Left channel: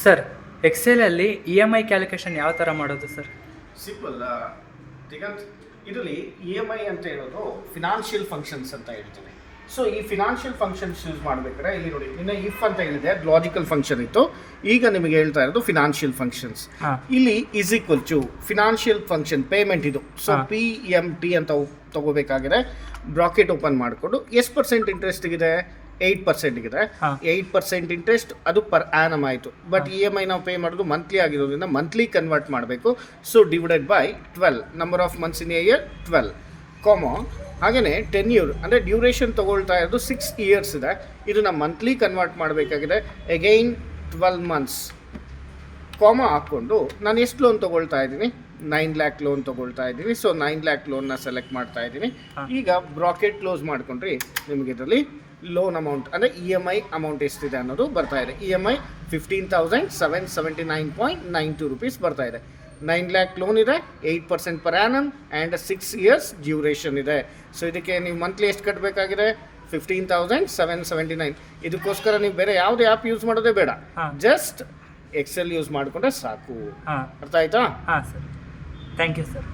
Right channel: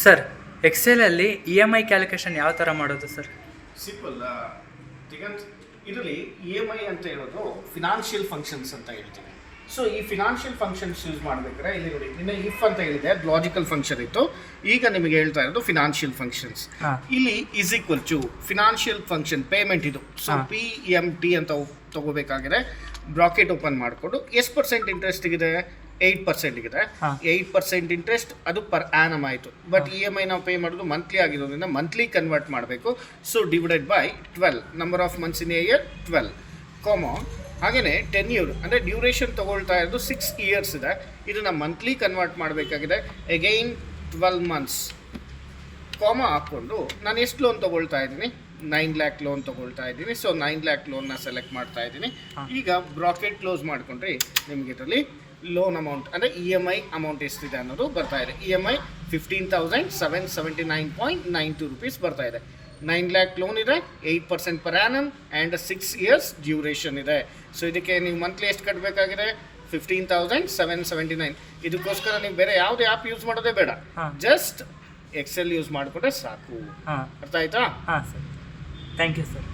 Sir ಎಕ್ಸೆಲಲ್ಲಿ E M I calculation ಯಾವ ಥರ ಮಾಡೋದು ಸರ್? ಸಿಂಪಲ್ ದಿಗಂತ್, ಇದರಲ್ಲಿ ಇ ಎಮ್ ಐ ಅಂತ ಹೇಳೋದು ಫಿನಾನ್ಷಿಯಲ್ ಫಂಕ್ಷನ್ಸ್ ಅಂತ ಹೇಳ್ತೀನಿ. ಸೊ ಈ ಫಿನಾನ್ಷಿಯಲ್ ಫಂಕ್ಷನ್ಸ್ ಯೂಸ್ ಮಾಡಬೇಕಾದ್ರೆ ಇಲ್ಲಿ ನೋಡಿ, ನಿನ್ನೆ ಇಫ್ ಅಂತ ಹೇಳಿದೆ, ಅದು ಲಾಜಿಕಲ್ ಫಂಕ್ಷನ್ ಇತ್ತು. ಈಗ ನಿಮಗೆ ಹೇಳ್ತಾ ಇರೋದು ಫಿನಾನ್ಷಿಯಲ್ ಫಂಕ್ಷನ್ಸ್. ಇಲ್ಲಿ is equal to financial function payment ಇದು. ಸೊ PMT ಅಂತ ತಗೋಬೇಕಾಗಿದೆ. ಬ್ರಾಕೆಟ್ ಓಪನ್ ಮಾಡಿಕೊಂಡು ಎಷ್ಟು ಪರ್ಸೆಂಟ್ ಇಂಟ್ರೆಸ್ಟ್ ಇದೆ? 8% ಇದೆ. 8% ಇಂಟ್ರೆಸ್ಟ್, ಅದು ಪರ್ ಆ್ಯನಮ್ ಆಯಿತು. ಬಟ್ ಇ ಎಮ್ ಐ ನಾವು ಪೇ ಮಾಡೋದು ಮಂತ್ಲಿ ಆಗಿರೋದ್ರಿಂದ ಮಂತ್ಲಿ ಕನ್ವರ್ಟ್ ಮಾಡಬೇಕು. So divided by 12, number of months in a year 12, ಹಾಗೆಯೇ ಟೆನ್ಯೂರ್ ಅಂದರೆ ಡ್ಯೂರೇಷನ್ ತೊಗೊಳ್ತಾ ಇರೋದು 6 ಇಯರ್ಸ್ ಇದೆ. ಇದನ್ನ ಮಂತ್ಲಿ ಕನ್ವರ್ಟ್ ಮಾಡಬೇಕಾಗಿದೆ. ಅಗೈನ್ 12 ಮಂತ್ಸ್ ಹಾಕ್ಕೊಂಡು ನಾನು ಎಷ್ಟು ಲೋನ್ ತೊಗೊಳ್ತಾ ಇದ್ದೀನಿ? 9 lakh ಲೋನ್ ತೊಗೊಳ್ತಾ ಇದ್ದೀನಿ. ಸೊ 9 lakh ಲೋನ್ನ ಸೆಲೆಕ್ಟ್ ಮಾಡ್ತಾ ಇದ್ದೀನಿ. ಈಗ ಬ್ರಾಕೆಟ್ ಕ್ಲೋಸ್ ಮಾಡ್ಕೊಂಡ್ರೆ ನಿಮಗೆ ಇದರಲ್ಲಿ ಲೋನ್ ಅಮೌಂಟ್ ಅಂದರೆ ಇ ಎಮ್ ಐ ಅಮೌಂಟ್ ಎಷ್ಟಿದೆ ಅನ್ನೋದು ಬರ್ತಾ ಇದೆ. ಇ ಎಮ್ ಐ 15,779.92 rupees ಬರ್ತಾ ಇದೆ. 9 lakh ಲೋನ್ ಇದೆ, 8% per annum and 6 years duration ಇದೆ. ಸೊ ಇದಕ್ಕೆ ನೀವು ಮಂತ್ಲಿ ಎಷ್ಟು ಕಟ್ಟಬೇಕಾಗಿದೆ? 15,779. ಇದಕ್ಕೋಸ್ಕರ ನೀವು ಬೇರೆ ಯಾವುದೇ ಆ್ಯಪ್ ಯೂಸ್ ಮಾಡೋದೇ ಬೇಡ, ಜಸ್ಟ್ ಎಕ್ಸೆಲ್ ಯೂಸ್ ಮಾಡಿಕೊಂಡ್ರೆ ಸಾಕು. ಅರ್ಥ ಆಯ್ತಾ? ಹಾಂ ಸರ್, ಥ್ಯಾಂಕ್ ಯು ಸರ್.